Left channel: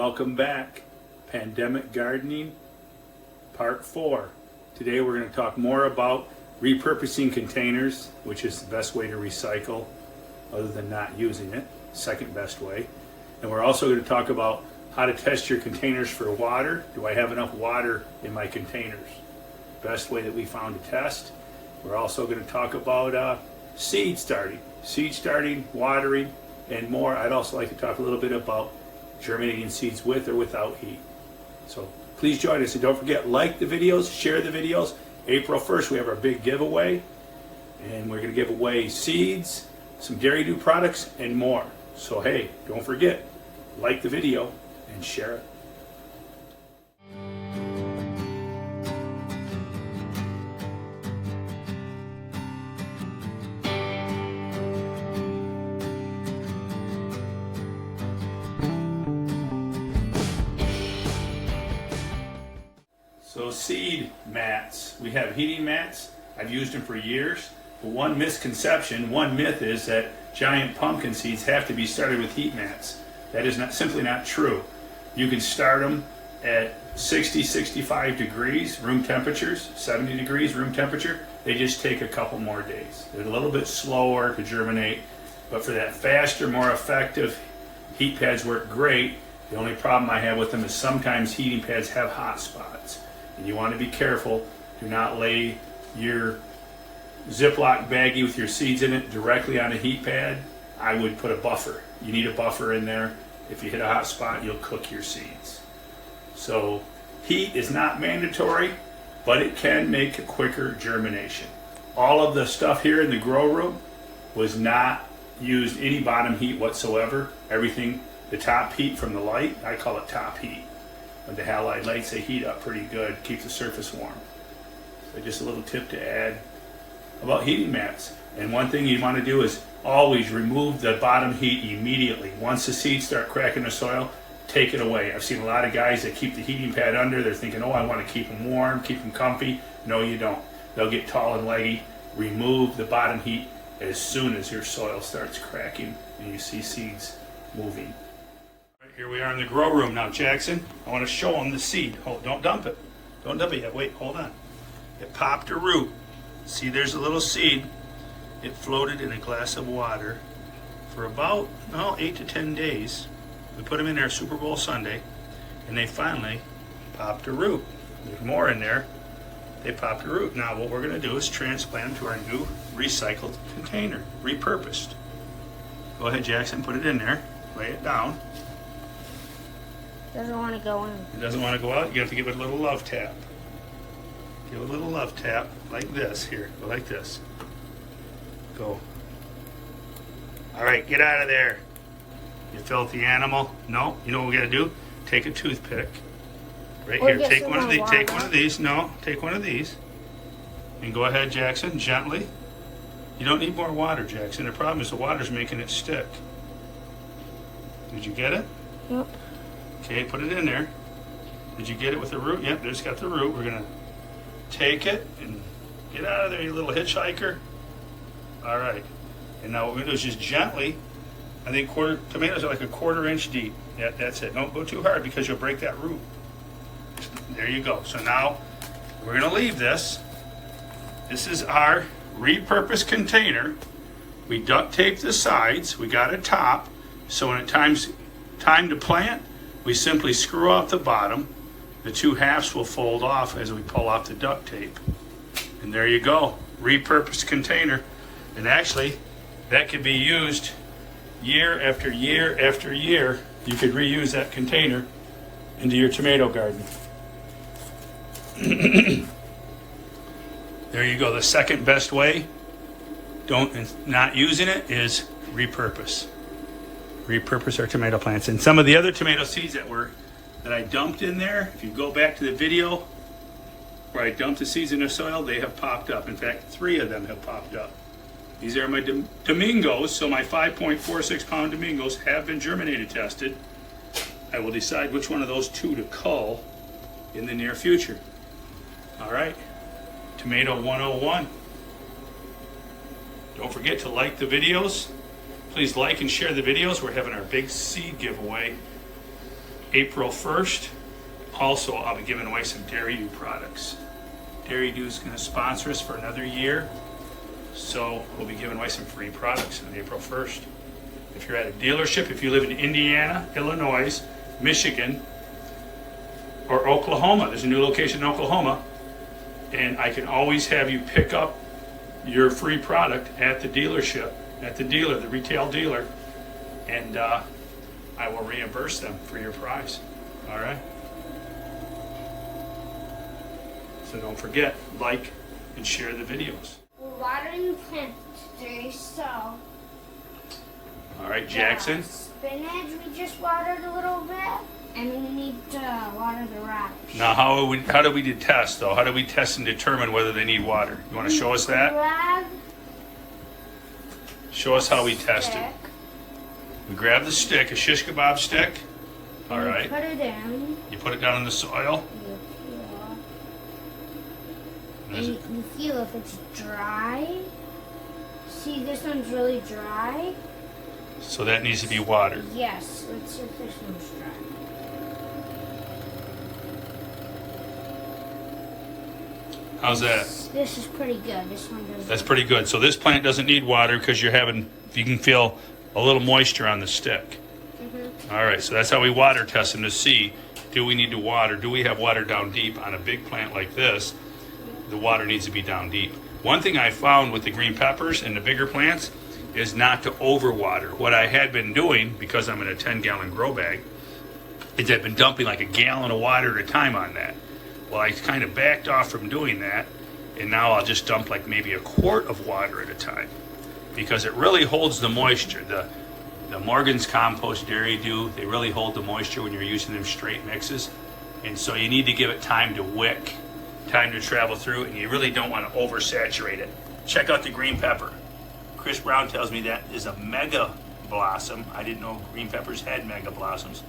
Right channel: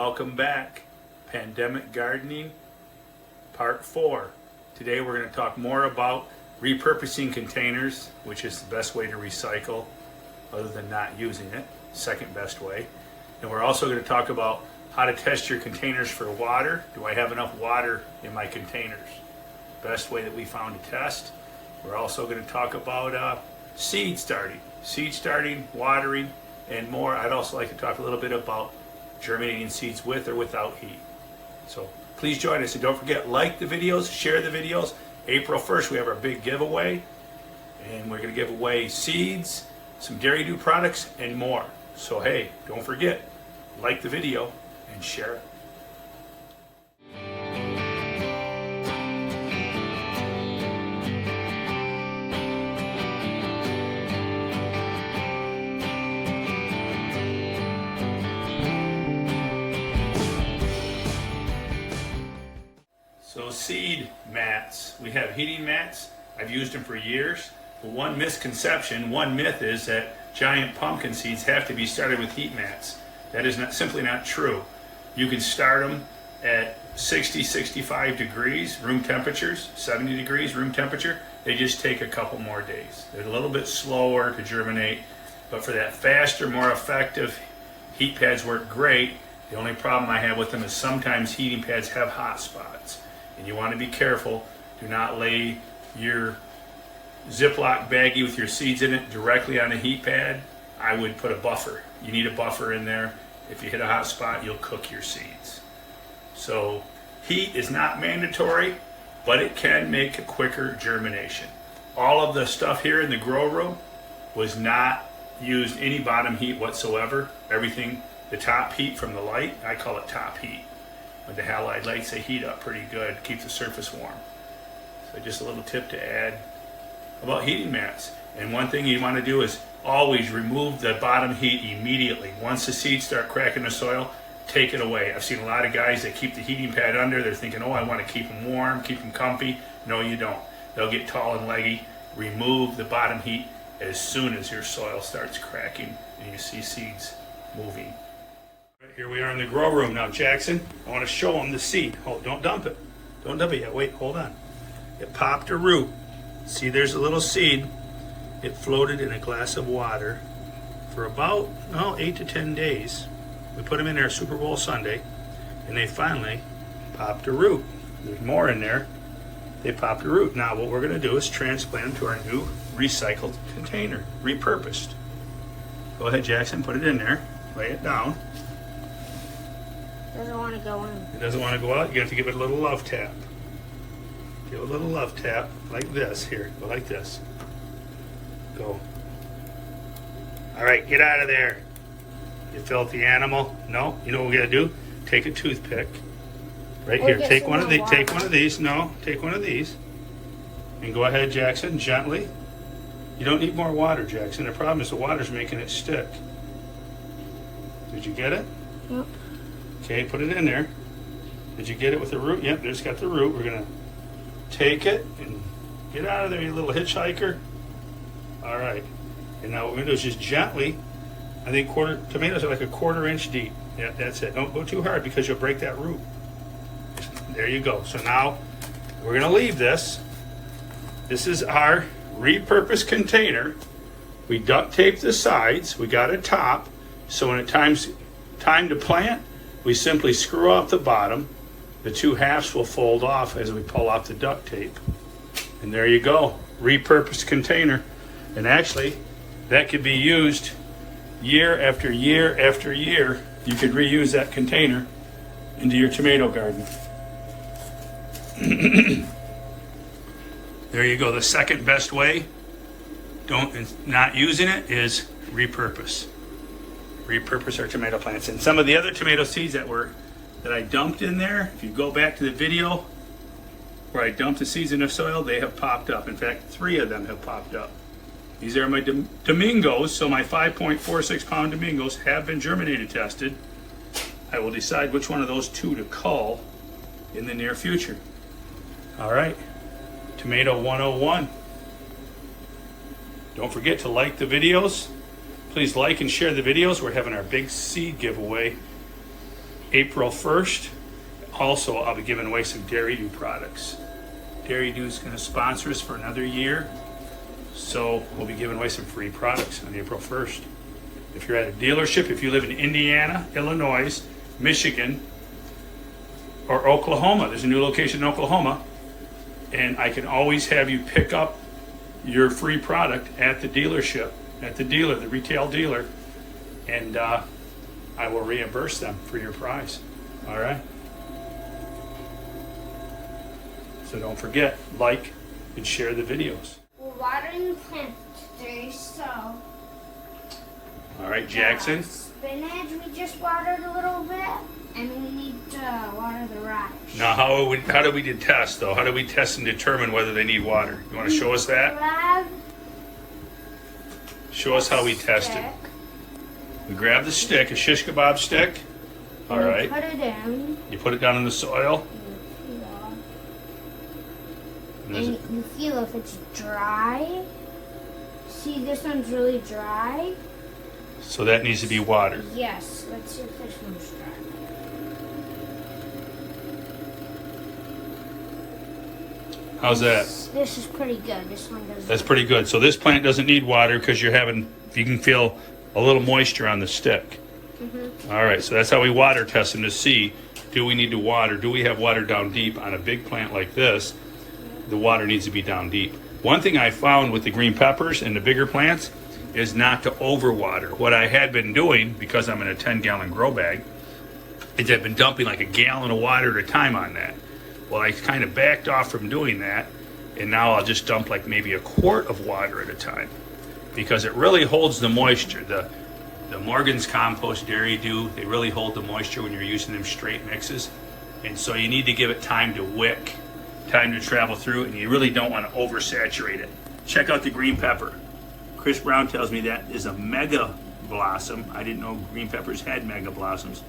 Welcome back. Pandemic Gardening, Part 4. Today we're going to talk more about repurposing containers, which is the best way to recycle other than not using it, second best way. And we're also going to talk about how to test your containers for water. Do I have enough water in my containers? Best way that we found to test. We're also going to talk about seed starting, watering, and more. I'd also like to talk a little bit about germinating seeds with or without heat. So please join us, and don't forget, like the videos, share the videos. April 1st, we have our big giveaway, and we're going to give away seeds, some Dairy Do products, and more. So hey, don't forget, like the video and share it. So seed mats, we have heating mats. I've used them for years, but one misconception, one myth is that giant pumpkin seeds have to be started with heat mats. That is simply not true. You can start them at 60, 65 degrees room temperatures, 70 degrees room temperature. They just take a couple more days. They're a little bit slower to germinate, but for that faster, more effective, heat pads work great. The only problem I have with them is sometimes heating pads have hot spots. And you want to be careful. Do not lay your Ziploc baggie with your seeds in it directly on a heat pad. I would put a buffer. You need a buffer in there. If you hit a hot spot, you'll cook your seeds. So heat is not mandatory, but it can make a quicker germination. All of the stuff here in the grow room was not used any bottom heat whatsoever. Everything, the top heat from the light, I call it top heat. With the halide lights, they heat up pretty good, keep the surface warm. So just a little tip to add about heating mats. And one thing you want to do is always remove the bottom heat immediately. Once the seeds start cracking the soil, take it away. I've seen a lot of guys that keep the heating pad under. They're thinking, oh, I want to keep them warm, keep them comfy. No, you don't. They'll get tall and leggy. Remove the bottom heat as soon as your soil starts cracking and you see seeds moving. Here we are in the grow room now, Jackson. I want to show them the seed. Hold, don't dump it. Don't dump it yet. Wait, hold on. It popped a root. See, there's a little seed. It floated in a glass of water for about 8 to 10 days. We put them in there Super Bowl Sunday, and they finally popped a root. There's more in there. They popped a root. Now what we're going to do is transplant them to our new recycled container, repurposed. Go ahead, Jackson, put it in there. Lay it down. Doesn't want to go in. It doesn't want to go out. You have to give it a little love tap. Give it a little love tap like this. Here, go like this. Go. All right, get out of there. You filthy animal. No, you know what we got to do? Take a toothpick. Right here. Take one of these. Take one of these. No, take one of these. And go ahead, Jackson, gently. You don't need more water, Jackson. The problem is the water's making it stick. Did you get it? Yep. Okay, put it in there. Did you get it with the root? Yep, there's got the root. We're gonna take it and get out of there, you little hitchhiker. All right, and now what we're gonna do is just gently, I think tomatoes are like a 1/4 inch deep. Yeah, that's it. Don't go too hard because you'll break that root. There you go. So now we're gonna leave this. This is our repurposed container. We duct taped the sides, we got a top, so when it's time to plant, we simply screw off the bottom. The two halves will fold off as we pull off the duct tape. And there you go, repurposed container. And actually, that could be used year after year after year. You could reuse that container into your tomato garden. There you go, the second best way, not using it, is repurpose. Repurpose our tomato plants. And some of the other tomato seeds that I dumped in there, if you go back to the video where I dumped the seeds in the soil, they have popped up. In fact, 3 of them have popped up. These are my Domingos, so my 5.46 pound Domingos have been germinated tested. I will decide which one of those 2 to cull in the near future. All right, Tomato 101. Don't forget to like the videos. Please like and share the videos. We're having our big seed giveaway April 1st, also I'll be giving away some Dairy.We products. Dairy.We is going to sponsor us for another year, so we'll be giving away some free products on April 1st. If you're at a dealership, if you live in Indiana, Illinois, Michigan, or Oklahoma, there's a new location in Oklahoma, and I can always have you pick up your free product at the dealership, at the dealer, the retail dealer, and I will reimburse them for your price. All right? So don't forget, like and share the videos. We're watering plants today, so. All right, Jackson. Spinach, we just watered a little bit, and we need to water the radish. Now, how do we test, though? How do we test and determine whether they need water? You want to show us that? Show us how we test it. We grab the stick, a shish kebab stick. All right. Put it in. You put it down in the soil. And you feel if it's dry. See, this one's really dry. So that needs to be watered. Yes, let's see if this one's dry. How's that? This is pretty good. This one doesn't. That's pretty good. So this plant doesn't need water because you can feel a little moisture on the stick. Mm-hmm. All right, so that's how we water test them to see, do we need to water? Do we have water down deep? On a big plant like this, the water needs to be down deep. One thing I found with the green peppers and the bigger plants is not to overwater. What I had been doing, because I'm in a 10-gallon grow bag, is I've been dumping like a gallon of water at a time on that. Well, I kind of backed off from doing that, and now I'll just dump like maybe a quart of water at a time, because it really holds the moisture. The Morgan's Compost Dairy.We, they really hold the moisture when you're using them straight mixes, and so you need to give it time to wick, time to travel through, and you really don't want to oversaturate it. Check out the green pepper. Chris Brown tells me that is a mega blossom. I didn't know green peppers had mega blossoms.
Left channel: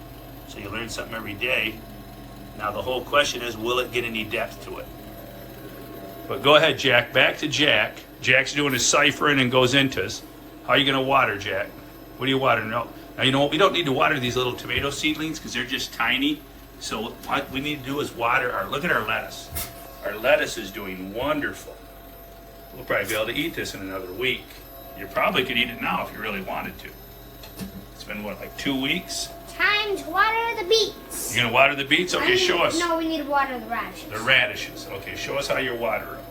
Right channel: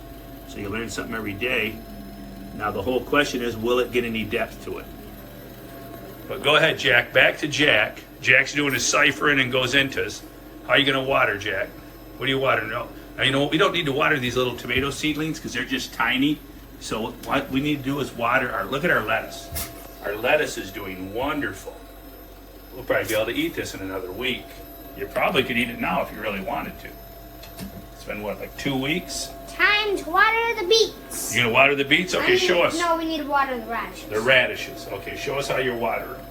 So you learn something every day. Now the whole question is, will it get any depth to it? But go ahead, Jack. Back to Jack. Jack's doing his ciphering and goes into us. How are you going to water, Jack? What do you water? No. Now, you know what? We don't need to water these little tomato seedlings because they're just tiny. So what we need to do is water look at our lettuce. Our lettuce is doing wonderful. We'll probably be able to eat this in another week. You probably could eat it now if you really wanted to. It's been, what, like 2 weeks? Time to water the beets. You're going to water the beets? Okay, show us. No, we need to water the radishes. The radishes. Okay, show us how you water them.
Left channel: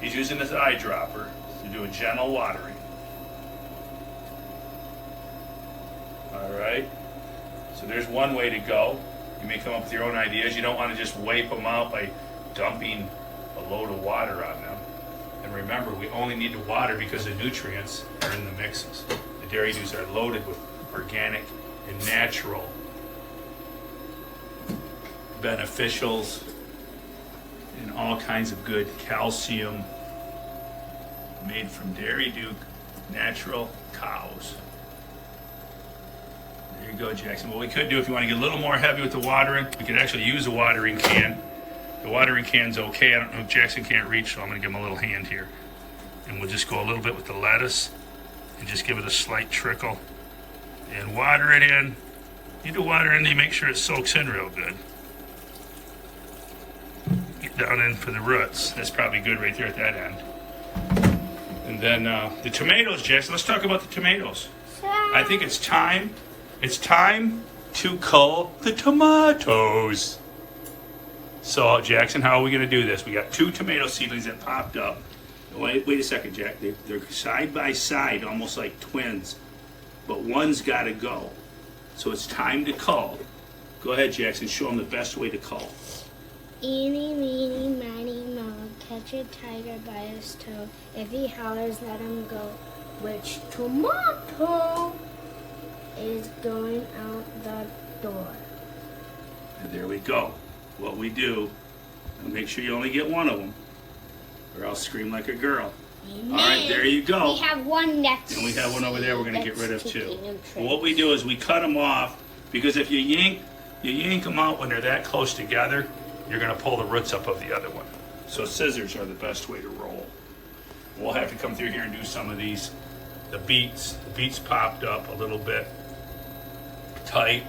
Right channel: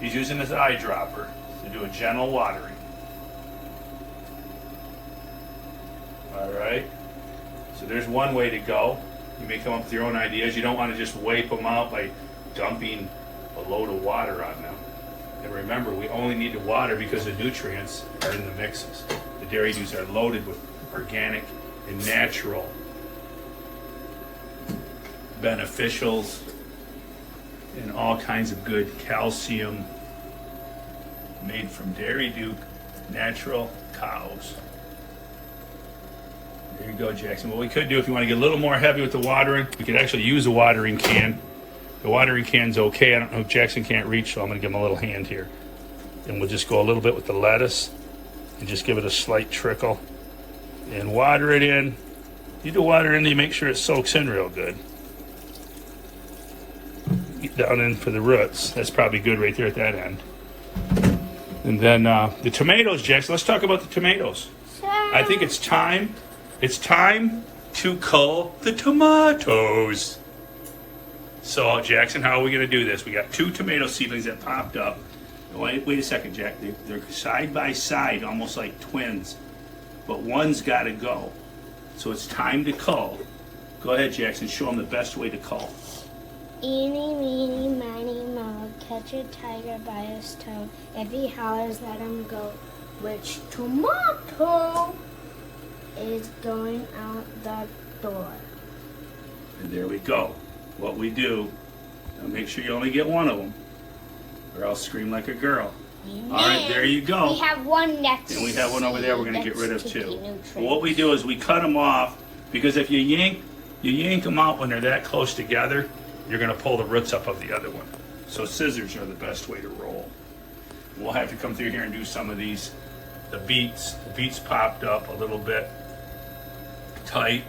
He's using his eyedropper to do a gentle watering. All right. So there's one way to go. You may come up with your own ideas. You don't want to just wipe them out by dumping a load of water on them. And remember, we only need to water because the nutrients are in the mixes. The Dairy.We's are loaded with organic and natural beneficials and all kinds of good calcium made from Dairy.We natural cows. There you go, Jackson. What we could do, if you want to get a little more heavy with the watering, we could actually use a watering can. The watering can's okay. I don't know if Jackson can't reach, so I'm going to give him a little hand here. And we'll just go a little bit with the lettuce and just give it a slight trickle. And water it in. You do water in, you make sure it soaks in real good. Get down in for the roots. That's probably good right there at that end. And then the tomatoes, Jackson. Let's talk about the tomatoes. I think it's time. It's time to cull the tomatoes. So, Jackson, how are we going to do this? We got 2 tomato seedlings that popped up. Wait a second, Jack. They're side by side, almost like twins. But one's got to go. So it's time to cull. Go ahead, Jackson. Show them the best way to cull. Eeny, meeny, miny, moe, catch a tiger by his toe. Every hours let him go. Which tomato is going out the door? And there we go. What we do, now make sure you only get one of them, or I'll scream like a girl. Amen. All right, there you go. We have one next. And we have one over there we're going to get rid of too. Well, what we do is we cut them off, because if you yank them out when they're that close together, you're going to pull the roots up of the other one. So scissors are the best way to roll. We'll have to come through here and do some of these. The beets popped up a little bit tight.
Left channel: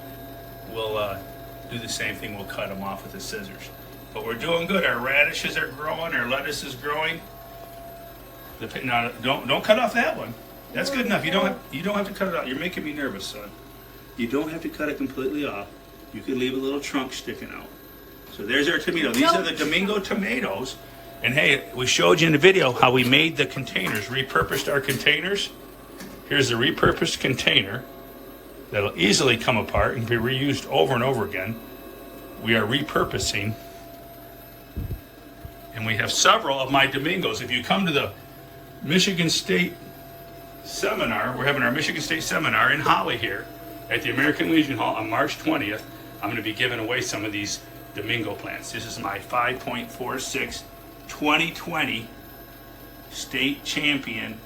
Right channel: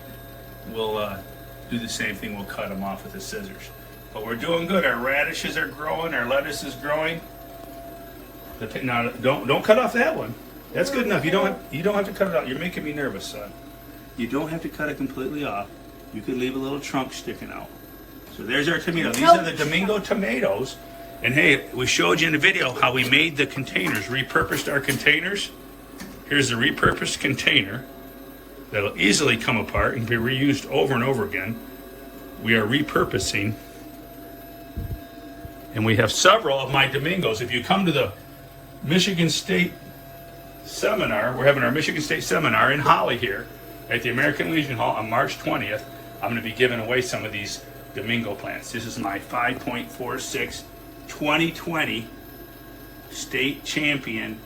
We'll do the same thing. We'll cut them off with the scissors. But we're doing good. Our radishes are growing. Our lettuce is growing. Now, don't cut off that one. That's good enough. You don't have to cut it out. You're making me nervous, son. You don't have to cut it completely off. You could leave a little trunk sticking out. So there's our tomato. These are the Domingo tomatoes. And hey, we showed you in the video how we made the containers, repurposed our containers. Here's the repurposed container that'll easily come apart and be reused over and over again. We are repurposing. And we have several of my Domingos. If you come to the Michigan State seminar, we're having our Michigan State seminar in Holly here at the American Legion Hall on March 20th. I'm going to be giving away some of these Domingo plants. This is my 5.46 2020 state champion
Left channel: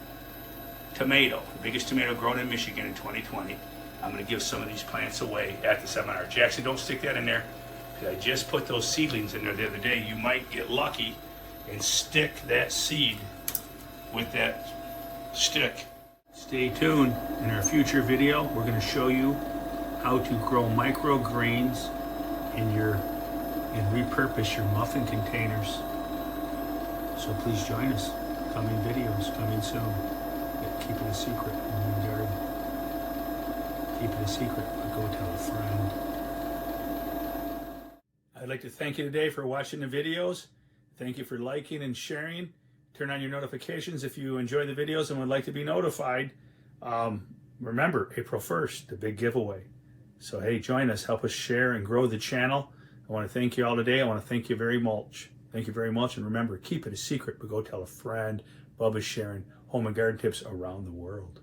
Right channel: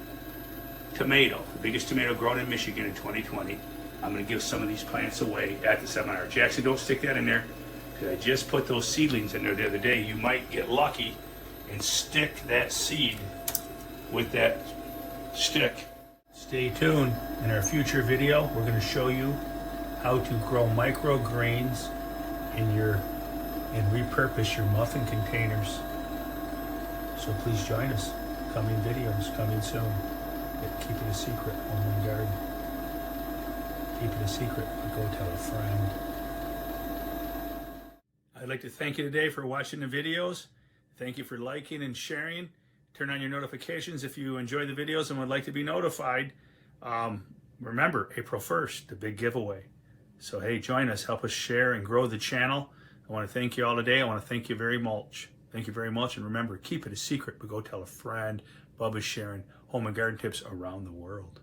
tomato, the biggest tomato grown in Michigan in 2020. I'm going to give some of these plants away at the seminar. Jackson, don't stick that in there, because I just put those seedlings in there the other day. You might get lucky and stick that seed with that stick. Stay tuned. In our future video, we're going to show you how to grow microgreens and repurpose your muffin containers. So please join us. Coming videos, coming soon. Keep it a secret, home and garden. Keep it a secret, but go tell a friend. I'd like to thank you today for watching the videos. Thank you for liking and sharing. Turn on your notifications if you enjoy the videos and would like to be notified. Remember, April 1st, the big giveaway. So hey, join us, help us share and grow the channel. I want to thank you all today. I want to thank you very much. Thank you very much. And remember, keep it a secret, but go tell a friend. Bubba's sharing home and garden tips around the world.